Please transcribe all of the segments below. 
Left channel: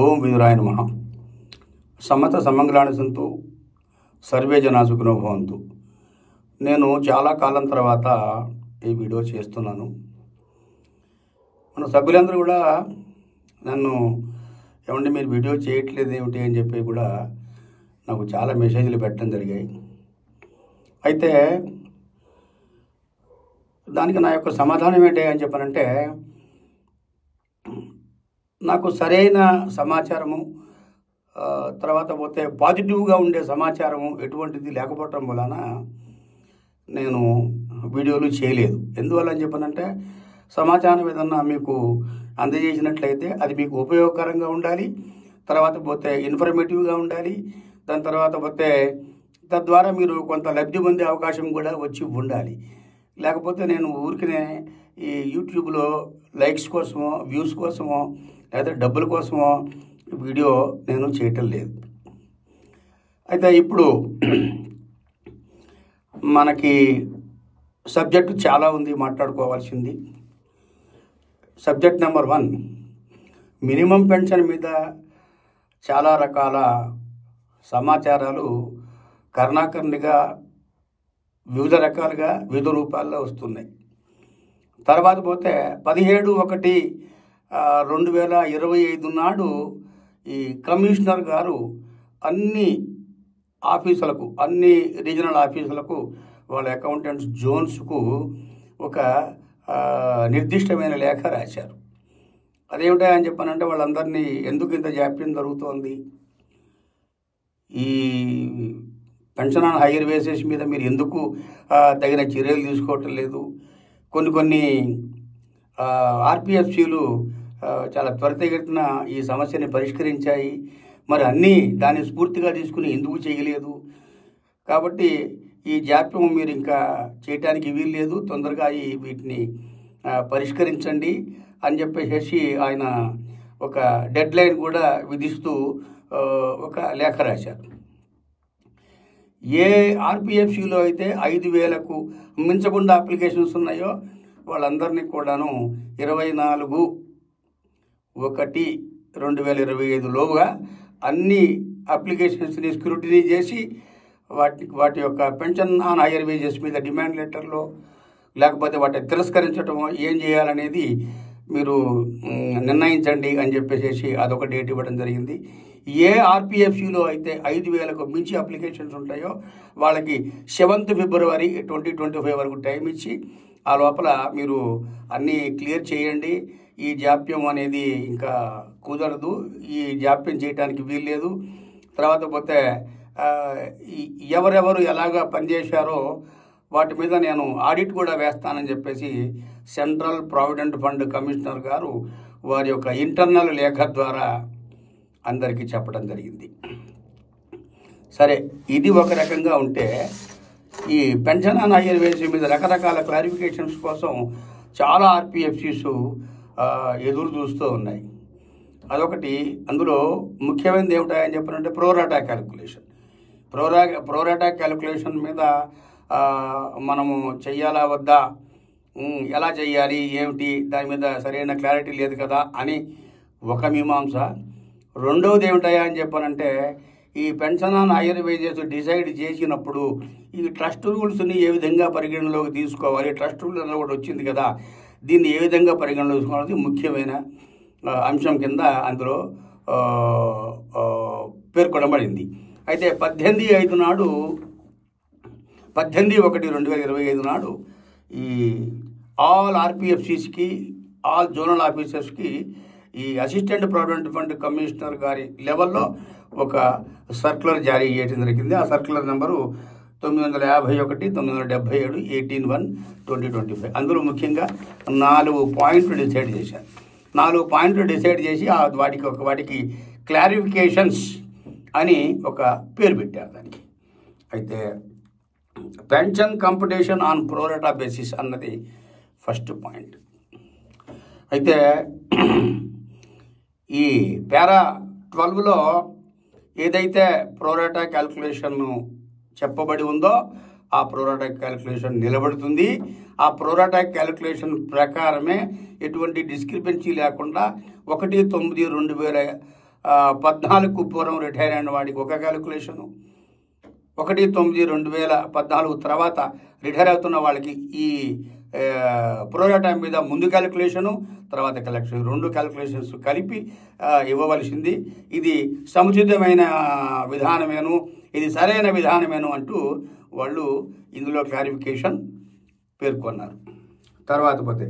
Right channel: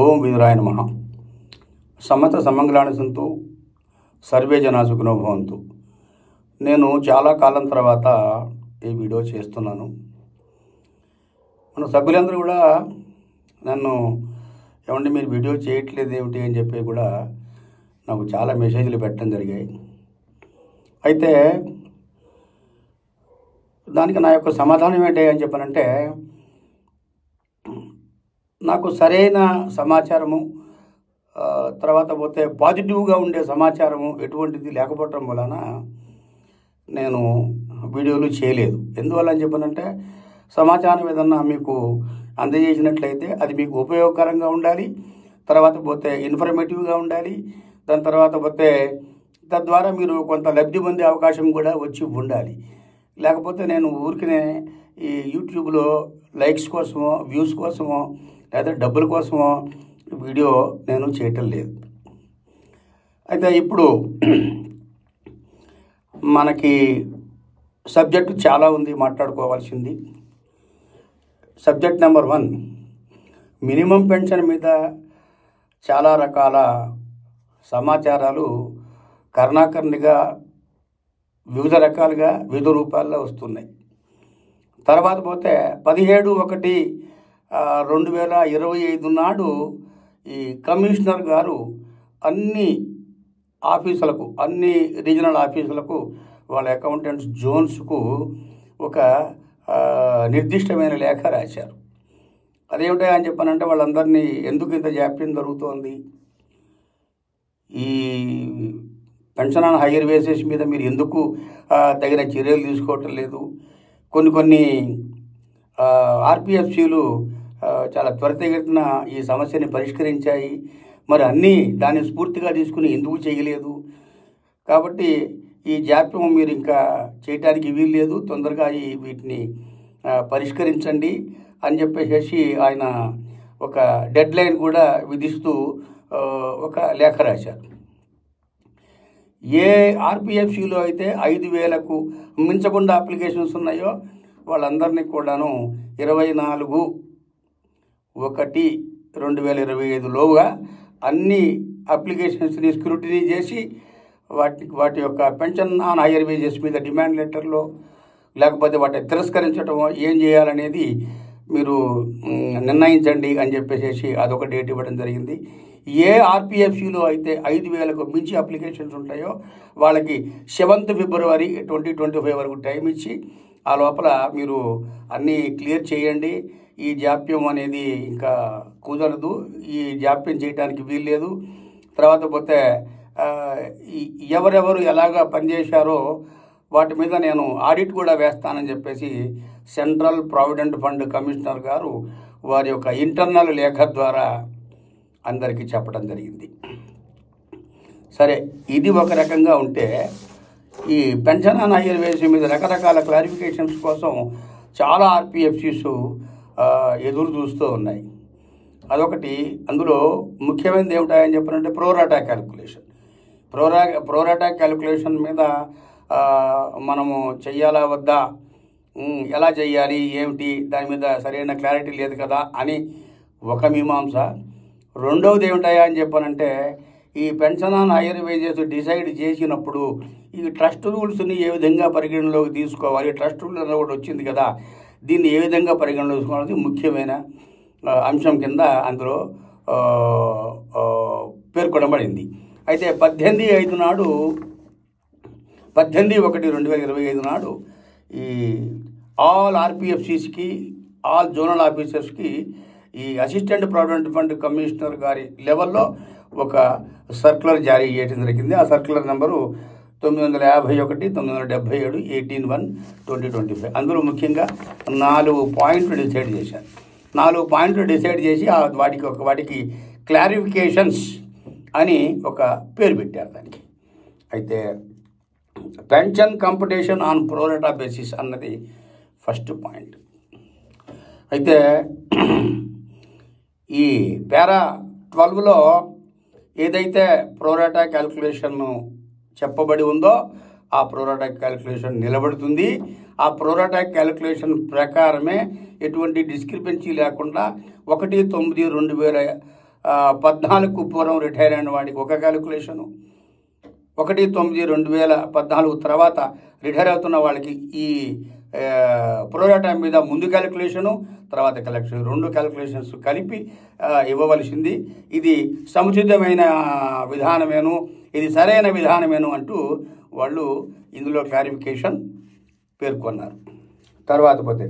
ఓం విదురాయ నమః. సమత సమంగళాన్ని సంతు సర్వే జనా సుఖినో భవంతు. నేను చాలా కాలం తర్వాత ఈ వీడియో చేస్తున్నాను. మన సభ్యులందరూ కూడా నన్ను ఏమంటే మీరు వీడియో చేయట్లేదు ఏమిటి అని చెప్పి కూడా నాకు చాలా మెసేజ్లు పెట్టడం జరిగాయి. అయితే దానికి నా యొక్క సమాధానం ఏంటి అని చెప్పానంటే, నాకు సరైన సమాచారము తర్వాత పోతే పాజిటివ్గా ఉండే సమాచారము ఎటువంటిది లేకపోవటం వలన నేను వీడియోలు చేయలేదు. ఎందువల్ల అని చెప్పానంటే, సమాచారం ఏదన్నా మీకు అందజేసినట్లయితే అది మీకు ఉపయోగకరంగా ఉండాలి, తర్వాత పోతే ఇన్ఫర్మేటివ్గా ఉండాలి, దాని తర్వాత పోతే తద్వారా మీరు కొంత లబ్ధి పొందే అవకాశం కూడా వచ్చి ఉండాలి. లేకపోతే నేను ఊరికనే ఈ యూట్యూబ్లో లైక్స్ కోసమో వ్యూస్ కోసమో లేదా డబ్బుల కోసమో వీడియో నేను చేయటం లేదు. అయితే ఇప్పుడు మనకి సబ్జెక్టు చాలా ఉంది మాట్లాడుకోవాల్సింది. సబ్జెక్ట్ నెంబర్ 1, మినిమం పెన్షన్ మీద చాలా రకాల సమాచారాలు కర్ణాకర్ణిగా వివిధ రకాలుగా వివిధ రూపాల్లో వస్తున్నాయి. తర్వాత పోతే 17/1/2025 నాడు ఈ కమిషనర్ గారు అన్ని ఆఫీసులకు, అన్ని రీజనల్ ఆఫీసులకు, వాళ్ళ అకౌంటెంట్స్ జోన్స్కు ఒక నిర్దిష్టమైన లేఖ రాశారు. అదేమిటా అని చెప్పానంటే, వాళ్ళందరినీ ఎందుకు ఇంత జాప్యం జరుగుతోంది, ఈ పెన్షన్ ఆన్ హైయర్ వేసెస్ మీద మీరు ఎందుకు తగిన చర్యలు తీసుకోవటం లేదు, కొన్ని ఆర్పిఎఫ్సీలు చాలా త్వరితగతిన ఈ సమస్యని పరిష్కరించాయి, మరి అన్నీ దాన్ని స్ఫూర్తిగా తీసుకుని ఎందుకు చేయలేదు, కాబట్టి ఈ జాప్యం మీరు ఇంకా చేయటానికి వీలు లేదు, తొందరగా వీటిని పరిష్కరించండి అని చెప్పేసి ఆయన ఒక డెడ్ లైన్ కూడా విధిస్తూ ఒక లేఖ రాశారు. ఏ ఆర్పిఎఫ్సీలో అయితే 5,000కు మించకుండా అప్లికేషన్స్ ఉన్నాయో వాళ్ళందరినీ కూడాను 24/1/2025లోగా అన్ని అప్లికేషన్స్ని స్క్రూటినీ చేసి వాటి యొక్క పెన్షన్ ఆన్ హైయర్ వేజెస్ మీద డిమాండ్ లెటర్లో లేకపోతే వాటిని తిరస్కరించడమో ఏం చేయాలనేది మీరు నిర్ణయించండి అని చెప్పేసి అదొక డేట్ ఇవ్వడం జరిగింది. ఏ ఆర్పిఎఫ్సీలో అయితే 5,000కు మించి అప్లికేషన్స్ ఉంటాయో వాళ్ళకి 7th February 2025 వరకు టైం ఇచ్చి ఆ లోపల మీరు అన్నీ క్లియర్ చేయండి, ఈ జాప్యం అనేది ఇంకా కుదరదు, ఈ జాప్యం చేయడానికి వీల్లేదు. తర్వాత పోతే ఎవరెవరు ఎలాగా పనిచేశారో వాటి మీద నేను ఆడిట్ కూడా వేస్తానని చెప్పేసి సెంట్రల్ ప్రావిడెంట్ ఫండ్ కమిషనర్ గారు వారి యొక్క ఇంటర్నల్ లేఖ ద్వారా అందరికీ చెప్పడం జరిగింది. సరే, ఇది ఒక రకంగా ఉంటే, ఈ పెన్షన్ ఆన్ హైయర్ వేసెస్ మీద రకరకాల క్లారిఫికేషన్స్ కోసం చాలా ఆర్పిఎఫ్సీస్ ఎదురు చూస్తూ ఉన్నాయి. అదొకటి. అందులో ముఖ్యమైనది ఏమిటాయని చెప్పారంటే ప్రోరాటా క్యాలిక్యులేషన్. ప్రోరాటా క్యాలిక్యులేషన్ మీద మనము చెయ్యాలా వద్దా, ఎలా చెయ్యాలి ఏమిటి, దాని మీద సరైన క్లారిటీ లేదు కదా అని ఒక మీమాంస. రెండవది ఏమిటాయా అని చెప్పానంటే, ఈ pension on hire wages decide చేసినప్పుడు ఈ ట్రస్ట్ రూల్స్ని ఏ విధంగా పరిగణలోకి తీసుకోవాలి, ట్రస్ట్ రూల్ అనేది ఒకటి వచ్చింది కదా, దీన్ని ఏ విధంగా పరిగణలోకి తీసుకోవాలనేది ముఖ్యమైన అంశం కింద అందులో పేర్కొనబడింది. అయితే 18/1/2025 నాడు ఈ ఆల్ ఆర్పిఎఫ్సీస్కి, ఆల్ జోనల్ ఆఫీసర్స్కి ఈ అసిస్టెంట్ ప్రావిడెంట్ ఫండ్ కమిషనర్ గారి లెవెల్లో ఒక సర్క్యులర్ జారీ చేయడం జరిగింది. ఆ సర్క్యులర్ నెంబరు 951/977 18/1/2025. అందులో ముఖ్యంగా 4 పాయింట్లు డిసైడ్ చేశారు. 4 పాయింట్లు డిసైడ్ చేసి వాటికి క్లారిఫికేషన్స్ అని ఒక పేరు పెట్టారు దానికి. అయితే పెన్షన్ కంపిటీషన్ ఆన్ ప్రోరాటా బేసిస్ అన్నది ఫస్ట్ పాయింట్. అయితే ఈ పారా 12లో ఏదైతే ప్రోరాటా క్యాలిక్యులేషన్ చెప్పబడి ఉందో ఆ ప్రోరాటా క్యాలిక్యులేషన్ నిలబడుతుంది. ఆ ప్రోరాటా క్యాలిక్యులేషన్ ప్రకారమే ఎటువంటి డిస్క్రిపెన్సీ లేకుండా 1/9/2025 14కు పూర్వం రిటైర్ అయిన వాడికి ఒక క్యాలిక్యులేషను, 1/9/2014 తర్వాత రిటైర్ అవుతున్న వాళ్ళకి ఈ ప్రోరాటా మీద ముందు క్యాలిక్యులేషను తర్వాత కలెక్షన్ 2 క్యాలిక్యులేషన్స్ కలిపి ఇవ్వవలసింది. ఇది సముచితమైన విధానమేను, ఇది సరైన విధానమేను అంటూ వాళ్ళు ఇందులో క్లారిఫికేషన్ పేర్కొన్నారు. తర్వాత పోతే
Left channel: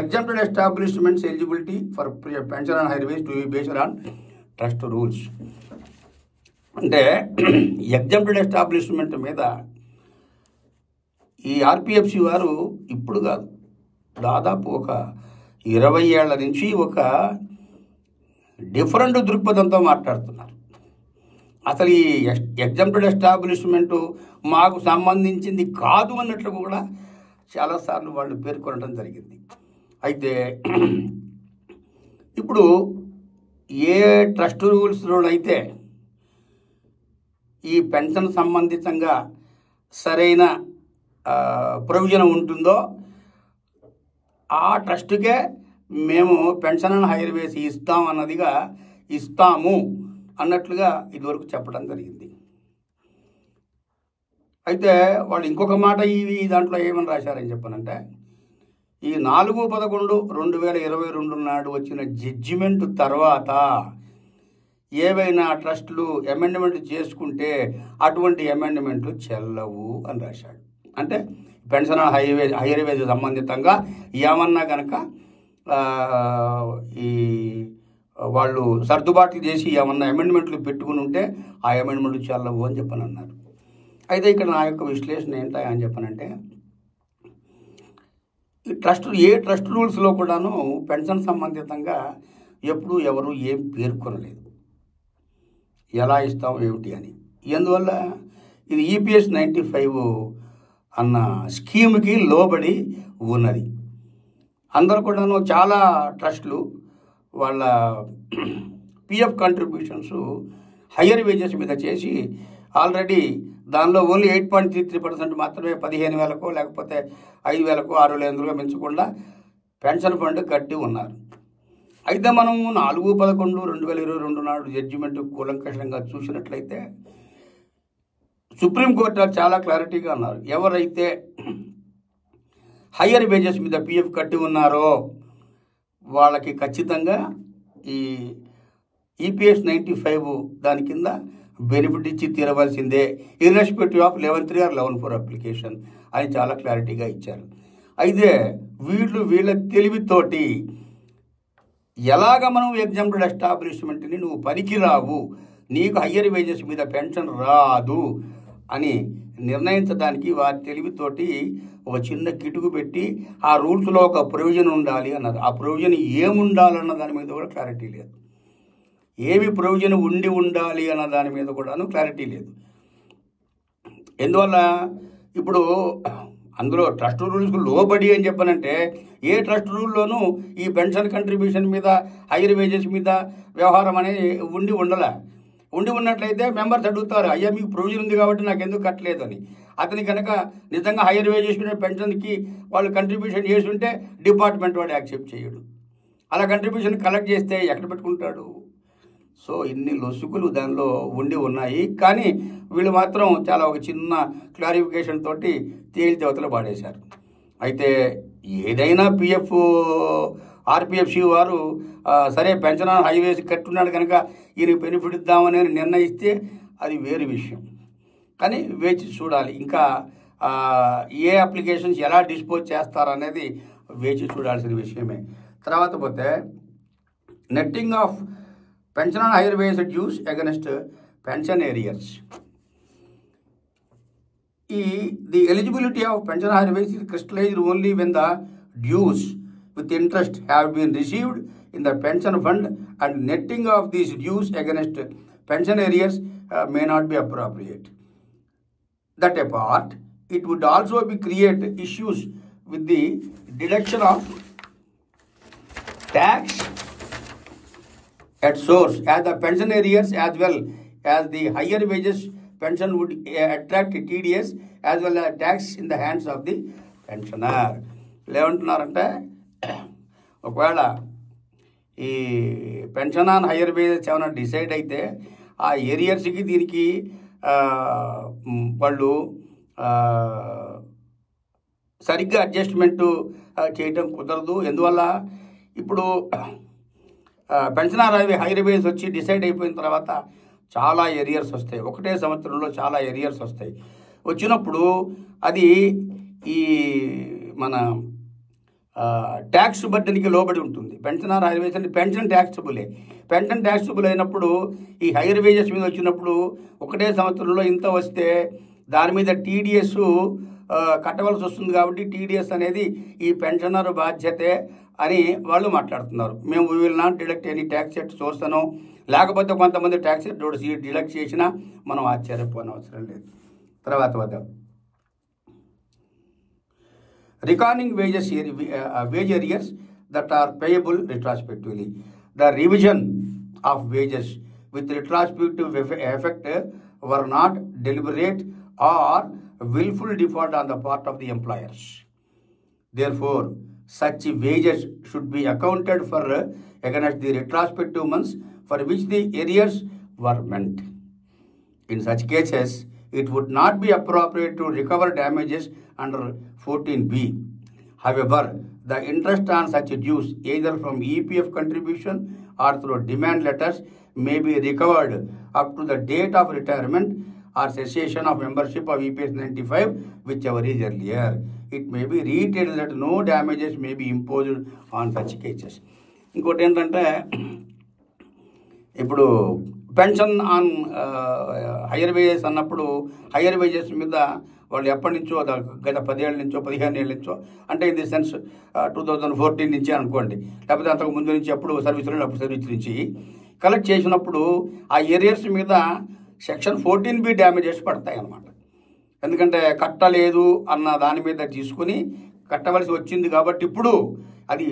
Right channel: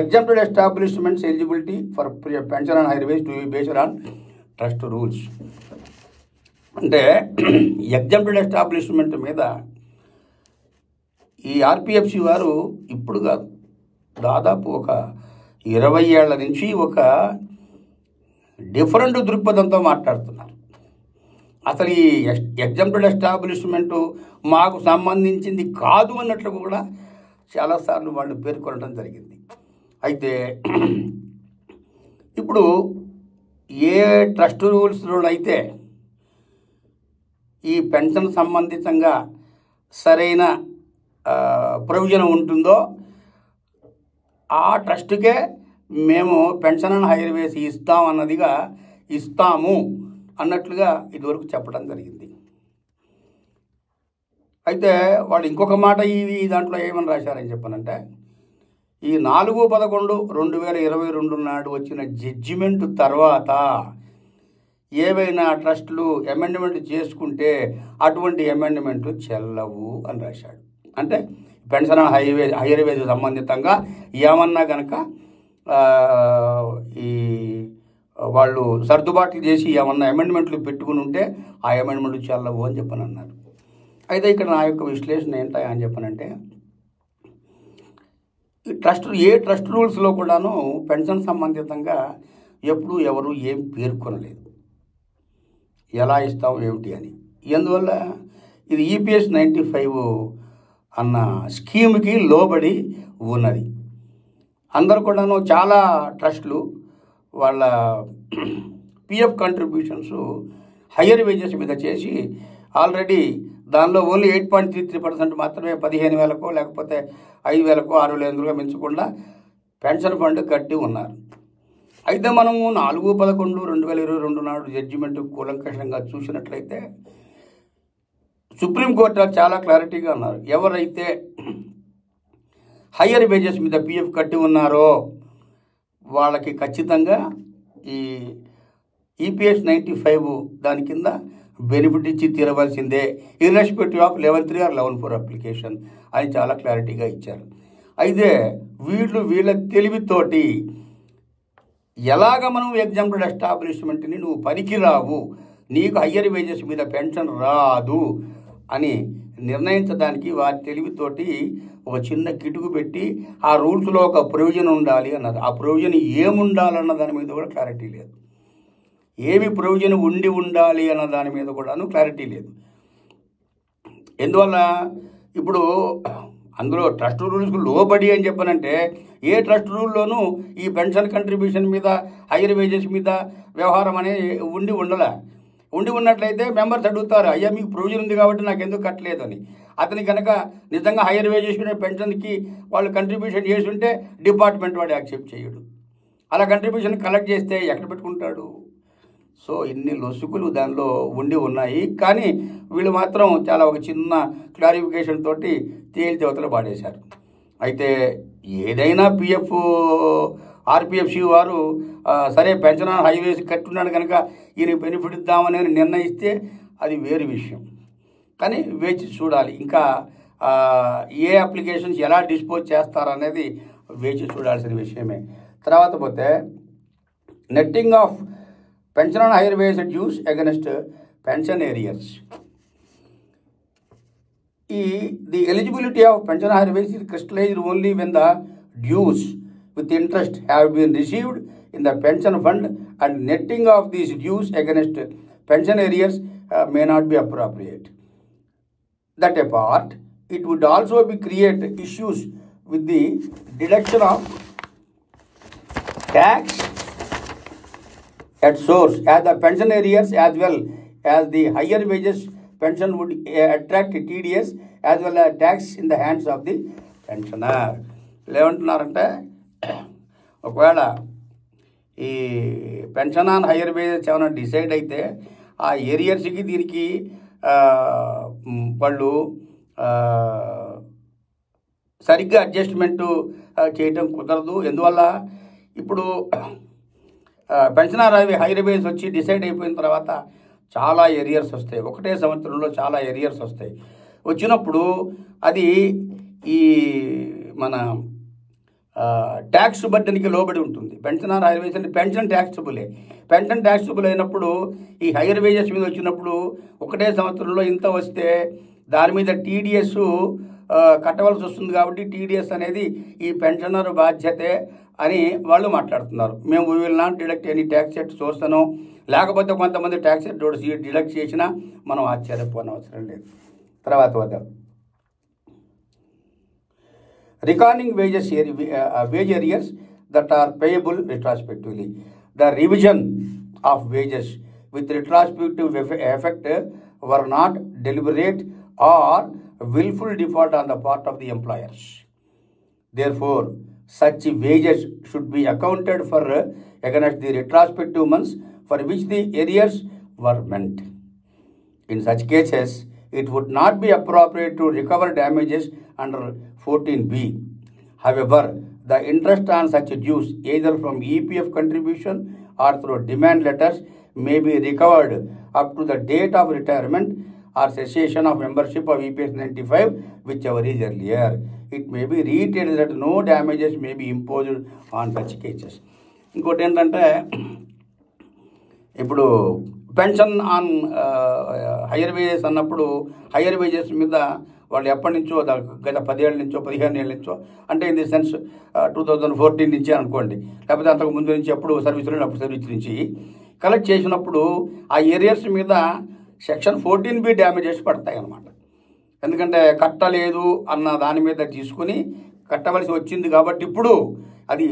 example establishments eligibility for pension and higher wage to be based on trust rules. అంటే ఎగ్జాంపుల్ ఎస్టాబ్లిష్మెంట్ మీద ఈ ఆర్పిఎఫ్సి వారు ఇప్పుడు కాదు, దాదాపు ఒక 20 ఏళ్ల నుంచి ఒక డిఫరెంట్ దృక్పథంతో మాట్లాడుతున్నారు. అసలు ఈ ఎగ్జాంపుల్ ఎస్టాబ్లిష్మెంటు మాకు సంబంధించింది కాదు అన్నట్లు కూడా చాలాసార్లు వాళ్ళు పేర్కొనడం జరిగింది. అయితే ఇప్పుడు ఏ ట్రస్ట్ రూల్స్లో అయితే ఈ పెన్షన్ సంబంధితంగా సరైన ప్రొవిజన్ ఉంటుందో ఆ ట్రస్ట్కే మేము పెన్షన్ అండ్ హైర్ వేసి ఇస్తాము అన్నట్లుగా ఇదివరకు చెప్పడం జరిగింది. అయితే వాళ్ళు ఇంకొక మాట ఈ దాంట్లో ఏమని రాశారని చెప్పనంటే, ఈ 4/11/2022 నాడు వచ్చిన జడ్జిమెంట్ తర్వాత ఏవైనా ట్రస్టులు అమెండ్మెంట్ చేసుకుంటే అటువంటి అమెండ్మెంట్లు చెల్లవు అని రాశాడు. అంటే పెన్షన్ హైర్ వేజ్ సంబంధితంగా ఏమన్నా కనుక ఈ వాళ్ళు సర్దుబాట్లు చేసి ఏమన్నా అమెండ్మెంట్లు పెట్టుకుని ఉంటే ఆ అమెండ్మెంట్లు చెల్లవు అని చెప్పని అన్నారు. అయితే ఇక్కడ నా యొక్క విశ్లేషణ ఏంటా అని చెప్పనంటే, ఏ ట్రస్ట్ రూల్స్లో కూడాను పెన్షన్ సంబంధితంగా ఎప్పుడు ఎవరు ఏం పేర్కొనలేదు, ఎలా ఇస్తాం ఏమిటి అని. ఎందువల్ల ఇది EPS 95 అన్న స్కీమ్కి లోబడి ఉన్నది. అందరూ కూడాను చాలా ట్రస్టులు వాళ్ళ PF కంట్రిబ్యూషన్స్ హయ్యర్ వేజెస్ మీద చేసి ఆల్రెడీ దానిలో ఓన్లీ 8.33% మాత్రమే 15,000కో లేకపోతే 5,000కో 6,500కో పెంచకుండా పెన్షన్ ఫండ్ కట్టి ఉన్నారు. అయితే మనము 4/11/2022 నాడు జడ్జిమెంట్ కూలంకషంగా చూసినట్లయితే సుప్రీంకోర్టు చాలా క్లారిటీగా అన్నారు, ఎవరైతే హయ్యర్ వేజెస్ మీద PF కట్టి ఉన్నారో వాళ్ళకి ఖచ్చితంగా ఈ EPS 95 దాని కింద బెనిఫిట్ ఇచ్చి తీరవలసిందే, ఇర్రెస్పెక్టివ్ ఆఫ్ 11(3) or 11(4) అప్లికేషన్ అని చాలా క్లారిటీగా ఇచ్చారు. అయితే వీళ్ళ తెలివితోటి ఎలాగ మనం ఎగ్జాంపుల్ ఎస్టాబ్లిష్మెంట్ని నువ్వు పనికిరావు, నీకు హయ్యర్ వేజెస్ మీద పెన్షన్ రాదు అని నిర్ణయించడానికి వారి తెలివితోటి ఒక చిన్న కిటుకు పెట్టి ఆ రూల్స్లో ఒక ప్రొవిజన్ ఉండాలి అన్నారు. ఆ ప్రొవిజన్ ఏముండాలన్న దాని మీద కూడా క్లారిటీ లేదు, ఏమి ప్రొవిజన్ ఉండాలి అన్న దాని మీద కూడాను క్లారిటీ లేదు. ఎందువల్ల ఇప్పుడు అందులో ట్రస్ట్ రూల్స్కు లోబడి అని చెప్పనంటే ఏ ట్రస్ట్ రూల్లోనూ ఈ పెన్షన్ కంట్రిబ్యూషన్ మీద హైయర్ వేజెస్ మీద వ్యవహారం అనేది ఉండి ఉన్నట్లయితే మెంబర్స్ అడుగుతారు, అయ్యా మీకు ప్రొవిజన్ ఉంది కాబట్టి నాకు ఎందుకు కట్టలేదు అని. అతని కనుక నిజంగా హైయర్ వేజెస్ మీద పెన్షన్కి వాళ్ళు కంట్రిబ్యూషన్ చేసి ఉంటే డిపార్ట్మెంట్ వాడు యాక్సెప్ట్ చేయడు. అలా కంట్రిబ్యూషన్ కలెక్ట్ చేస్తే ఎక్కడ పెట్టుకుంటాడు? సో ఇన్ని లొసుకులు దానిలో ఉన్నాయి. కానీ వీళ్ళు మాత్రం చాలా ఒక చిన్న క్లారిఫికేషన్ తోటి తేలితేవతలు పాడేశారు. అయితే ఏదైనా ఆర్పిఎఫ్సి వారు సరే పెన్షన్ హైవేస్ కట్టున్నాడు కనుక ఈయన బెనిఫిట్ ఇద్దామని నిర్ణయిస్తే అది వేరు విషయం. కానీ వేచి చూడాలి, ఇంకా ఏ అప్లికేషన్స్ ఎలా డిస్పోజ్ చేస్తారనేది వేచి చూడాల్సిన విషయమే. తర్వాత పోతే netting of pension and higher wage dues against pension arrears. The eligibility of pension and higher wage is crystallized only when the dues with interest have been received in the pension fund, and netting of these dues against pension arrears may not be appropriate. That apart, it would also create issues with the deduction of tax at source, as the pension arrears as well as the higher wages pension would attract TDS as well as tax in the hands of the pensioner. ఏమంటున్నారంటే ఒకవేళ ఈ pension on hire wages ఏమైనా decide అయితే ఆ ఏరియర్స్కి దీనికి వాళ్ళు సరిగ్గా adjustment చేయటం కుదరదు. ఎందువల్ల ఇప్పుడు పెన్షన్ హైయర్ వేజెస్ వచ్చి డిసైడ్ అయిపోయిన తర్వాత చాలా ఏరియర్స్ వస్తాయి. ఒకటే సంవత్సరంలో చాలా ఏరియర్స్ వస్తాయి. వచ్చినప్పుడు అది ఈ మన ట్యాక్స్ బర్డెన్కి లోబడి ఉంటుంది. పెన్షన్ ఆన్ హైయర్ వేజెస్ అంటే పెన్షన్ ట్యాక్సబులే. పెన్షన్ ట్యాక్సబుల్ అయినప్పుడు ఈ హైయర్ వేజెస్ మీద వచ్చినప్పుడు ఒకటే సంవత్సరంలో ఇంత వస్తే దాని మీద టీడీఎస్ కట్టవలసి వస్తుంది. కాబట్టి టీడీఎస్ అనేది ఈ పెన్షనర్ బాధ్యతే అని వాళ్ళు మాట్లాడుతున్నారు. మేము we will not deduct any tax at source అనో, లేకపోతే కొంతమంది ట్యాక్స్ ఎట్ డిడక్ట్ చేసినా మనం ఆశ్చర్యపోనవసరం లేదు. తర్వాత వద్దాం. Reckoning wage arrears that are payable retrospectively. The revision of wages with retrospective effect were not deliberate or willful default on the part of the employers. Therefore, such wages should be accounted for against the retrospective months for which the arrears were meant. In such cases, it would not be appropriate to recover damages under 14B. However, the interest on such dues, either from EPF contribution or through demand letters, may be recovered up to the date of retirement or cessation of membership of EPS 95, whichever is earlier. It may be reiterated that no damages may be imposed on such cases. ఇంకోటి ఏంటంటే ఇప్పుడు pension on hire wages అన్నప్పుడు hire wages మీద వాళ్ళు ఎప్పటి నుంచో గత 10 ఏళ్ళ నుంచో 15 ఏళ్ళ నుంచో, అంటే ఇన్ ది సెన్స్ 2014 నుంచి అనుకోండి, లేకపోతే అంతకు ముందు నుంచి అప్పుడు సర్వీసులు నుంచి కలెక్ట్ చేసినప్పుడు ఆ ఏరియర్స్ మీద సెక్షన్ 14B డ్యామేజెస్ పడతాయి అన్నమాట. ఎందుకంటే కట్టలేదు అన్న దాని మీద తీసుకుని కట్టవలసి వచ్చింది కాబట్టి ఇప్పుడు అది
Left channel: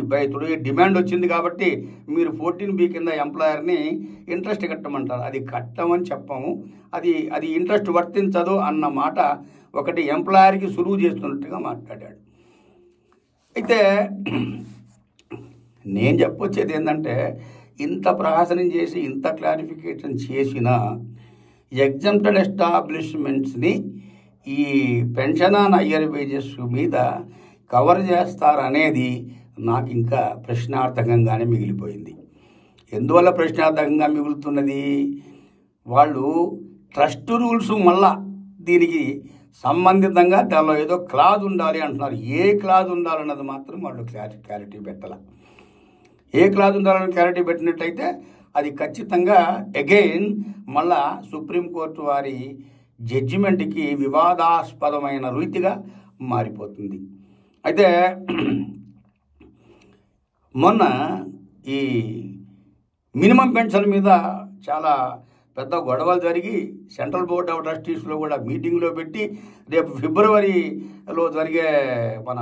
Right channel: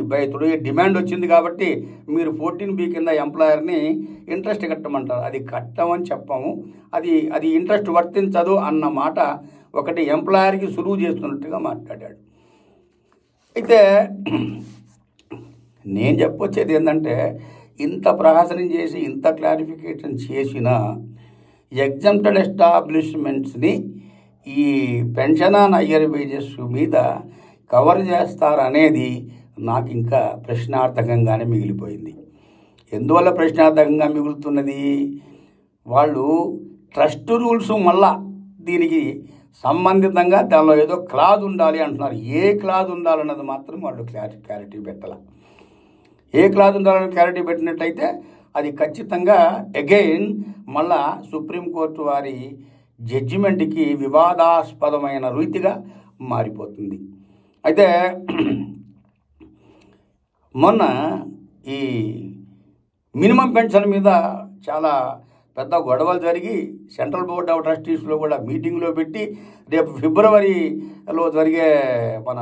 డిమాండ్ వచ్చింది కాబట్టి మీరు 14B కింద ఎంప్లాయర్ని ఇంట్రెస్ట్ కట్టమంటారు. అది కట్టమని చెప్పము, అది ఇంట్రెస్ట్ వర్తించదు అన్న మాట ఒకటి ఎంప్లాయర్కి సులువు చేస్తున్నట్టుగా మాట్లాడాడు. అయితే నేను చెప్పొచ్చేది ఏంటంటే ఇంత ప్రహసనం చేసి ఇంత క్లారిఫికేషన్ చేసిన ఎగ్జంప్టెడ్ ఎస్టాబ్లిష్మెంట్స్ని ఈ పెన్షన్ ఆన్ హైయర్ వేజెస్ మీద కవర్ చేస్తారనేది నాకు ఇంకా ప్రశ్నార్థకంగానే మిగిలిపోయింది. ఎందువల్ల ప్రశ్నార్థకంగా మిగులుతున్నది? వాళ్ళు ట్రస్ట్ రూల్స్ మళ్ళా దీనికి సంబంధితంగా దానిలో ఏదో క్లాజ్ ఉండాలి అంటున్నారు. ఏ క్లాజ్ ఉండాలన్నది మాత్రం వాళ్ళు క్లారిటీ పెట్టాల. ఏ క్లాజ్ ఉండాలని క్లారిటీ పెట్టినట్టయితే అది ఖచ్చితంగా అగైన్ మళ్ళా సుప్రీంకోర్టు వారి జడ్జిమెంట్కి వివాదాస్పదమైన రీతిగా మారిపోతుంది. అయితే మొన్న ఈ మినిమం పెన్షన్ మీద చాలా పెద్ద గొడవలు జరిగి సెంట్రల్ బోర్డ్ ఆఫ్ ట్రస్టీస్లో కూడా మీటింగ్లో పెట్టి రేపు ఫిబ్రవరిలో జరిగే మన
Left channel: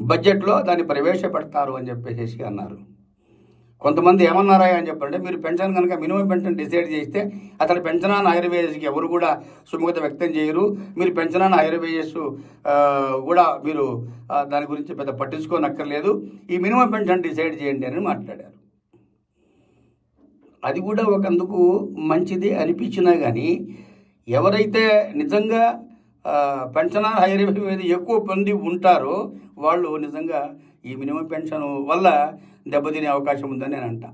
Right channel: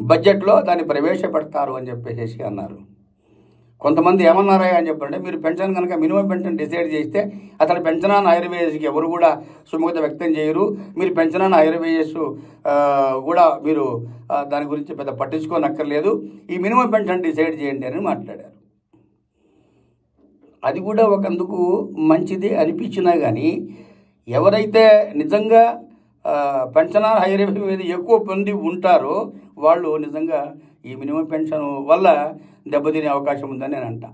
బడ్జెట్లో దాన్ని ప్రవేశపెడతారు అని చెప్పేసి అన్నారు. కొంతమంది ఏమన్నారా అని చెప్పంటే, మీరు పెన్షన్ కనుక మినిమం పెన్షన్ డిసైడ్ చేస్తే అసలు పెన్షన్ ఆన్ హైయర్ వేజెస్కి ఎవరు కూడా సుముఖత వ్యక్తం చేయరు, మీరు పెన్షన్ ఆన్ హైయర్ వేజెస్ కూడా మీరు దాని గురించి పెద్ద పట్టించుకోనక్కర్లేదు, ఈ మినిమం పెన్షన్ డిసైడ్ చేయండి అని మాట్లాడారు. అది కూడా ఒకందుకు మంచిది అనిపించినా కానీ ఎవరైతే నిజంగా పెన్షన్ ఆన్ హైయర్ వేజెస్ మీద ఎక్కువ పొంది ఉంటారో వాళ్ళు నిజంగా ఈ మినిమం పెన్షన్ వల్ల దెబ్బతినే అవకాశం ఉందని నేను అంటా.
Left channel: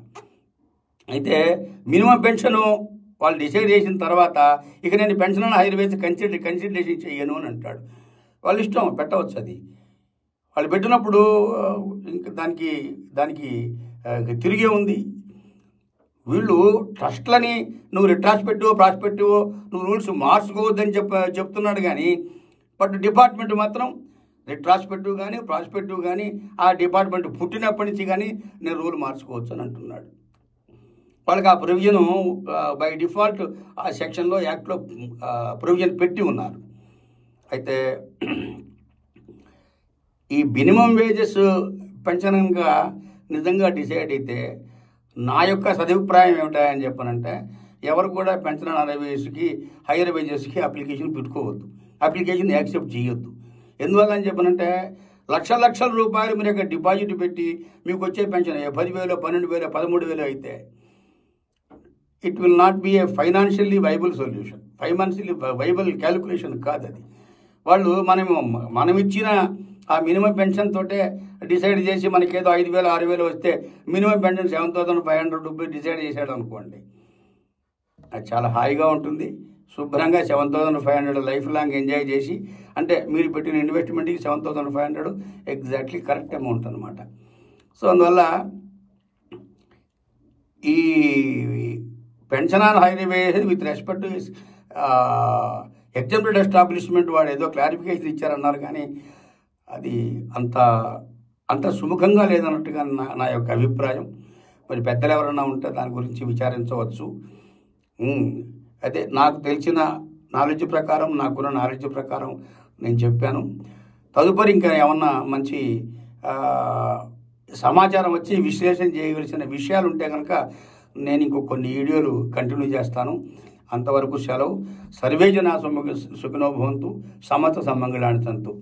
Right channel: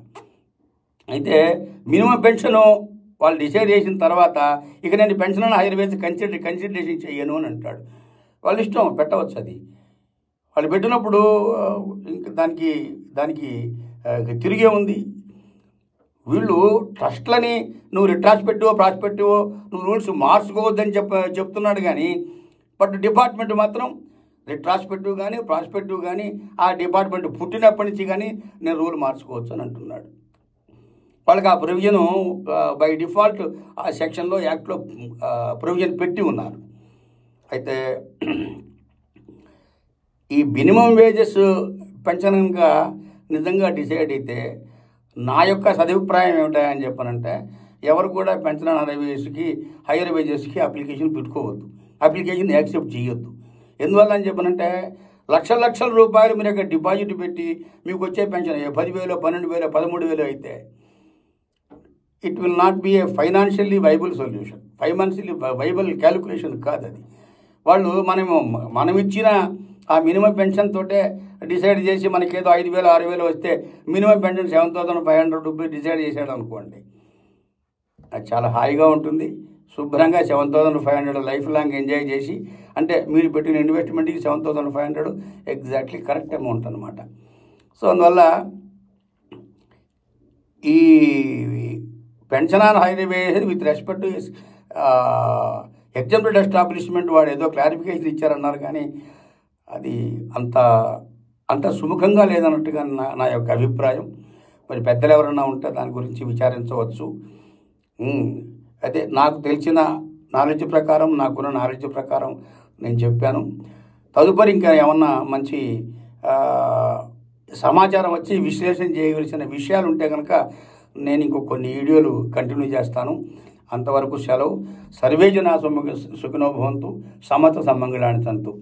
అయితే మినిమం పెన్షను వాళ్ళు డిసైడ్ చేసిన తర్వాత ఇక నేను pension on hire wages consideration చేయను అని అంటాడు. వాళ్ళ ఇష్టం, పెట్టవచ్చు. అది వాళ్ళు పెట్టినప్పుడు ఇంకా దానికి తిరిగే ఉంది. వీళ్ళు ట్రస్ట్లని నువ్వు ప్రాస్పెక్టివ్ నువ్వు రూల్స్ మార్చుకోవద్దని చెప్తున్నాడు కానీ బట్ డిపార్ట్మెంట్ మాత్రం రిట్రాస్పెక్టివ్ కానీ ప్రాస్పెక్టివ్ కానీ ఆ డిపార్ట్మెంట్ పుట్టినప్పటి నుంచి కానీ నేను రూల్ మార్చుకోవచ్చు అని అంటున్నాడు. వాళ్ళకి ఆ ప్రొవిజను బై డిఫాల్ట్ ఆ సెక్షన్లో యాక్ట్లో ప్రొవిజన్ పెట్టి ఉన్నారు. అయితే ఈ మినిమం వేజెస్ పెన్షన్ కనుక నిజంగా డిసైడ్ అయితే నా యొక్క సదుపాయం ఏమిటాయని చెప్పానంటే ఎవరు కూడా పెన్షన్ ఆన్ హైయర్ వేజెస్కి అప్లికేషన్ పెట్టుకోవద్దు, అప్లికేషన్ యాక్సెప్ట్ చేయొద్దు. ఎందువల్ల అని చెప్పానంటే లక్షల లక్షల రూపాయలు మీరు ఇక్కడ డిపాజిట్ పెట్టి మీకు వచ్చే పెన్షన్ 10,000, 12,000, 13,000 అయితే it will not be A financially viable solution, financially viable calculation కాదు అది. వాళ్ళు మనం ఇచ్చిన ఆ మినిమం పెన్షన్ తోటే డిసైడ్ చేసి మనకేదో 5,000, 6,000 వస్తే మినిమం పెన్షన్ 7,500 రూపీస్ డిసైడ్ చేశాడు అనుకోండి, అది చాలా హాయిగా ఉంటుంది. శుభ్రంగా 7,500 లైఫ్ లాంగ్ ఎంజాయ్ చేసి, అంటే మీరు పెట్టిన ఇన్వెస్ట్మెంట్కి 7,500 ఎగ్జాక్ట్లీ కరెక్ట్ అమౌంట్ అనమాట. సో అందువల్ల ఈ పెన్షన్ ఆన్ హైర్ వేసేది with respect to example establishment వాడు ఏదో క్లారిఫికేషన్ ఇచ్చారన్నారు, కానీ అది అంత సుముఖంగా లేదన్నట్టుగా నా యొక్క అభిప్రాయం. మరి పెద్దలు ఎవరన్నా ఉంటే దాని గురించి విచారించవచ్చు. అదే నాకు తెలిసిన నాలెడ్జ్ ప్రకారం, నాకున్న నాలెడ్జ్ ప్రకారం నేను చెప్పాను. తదుపరి ఇంకా ఏమన్నా మంచి సమాచారం వచ్చి విశ్లేషణ చేయవలసిన విషయాలు ఉంటే కనుక నేను ఇంకో కొన్ని వీడియోలు కంటిన్యూ చేస్తాను. అంతవరకు సెలవు. సర్వే జనా సుఖినో భవంతు. సమస్త సమ్మంగళాని సంతు.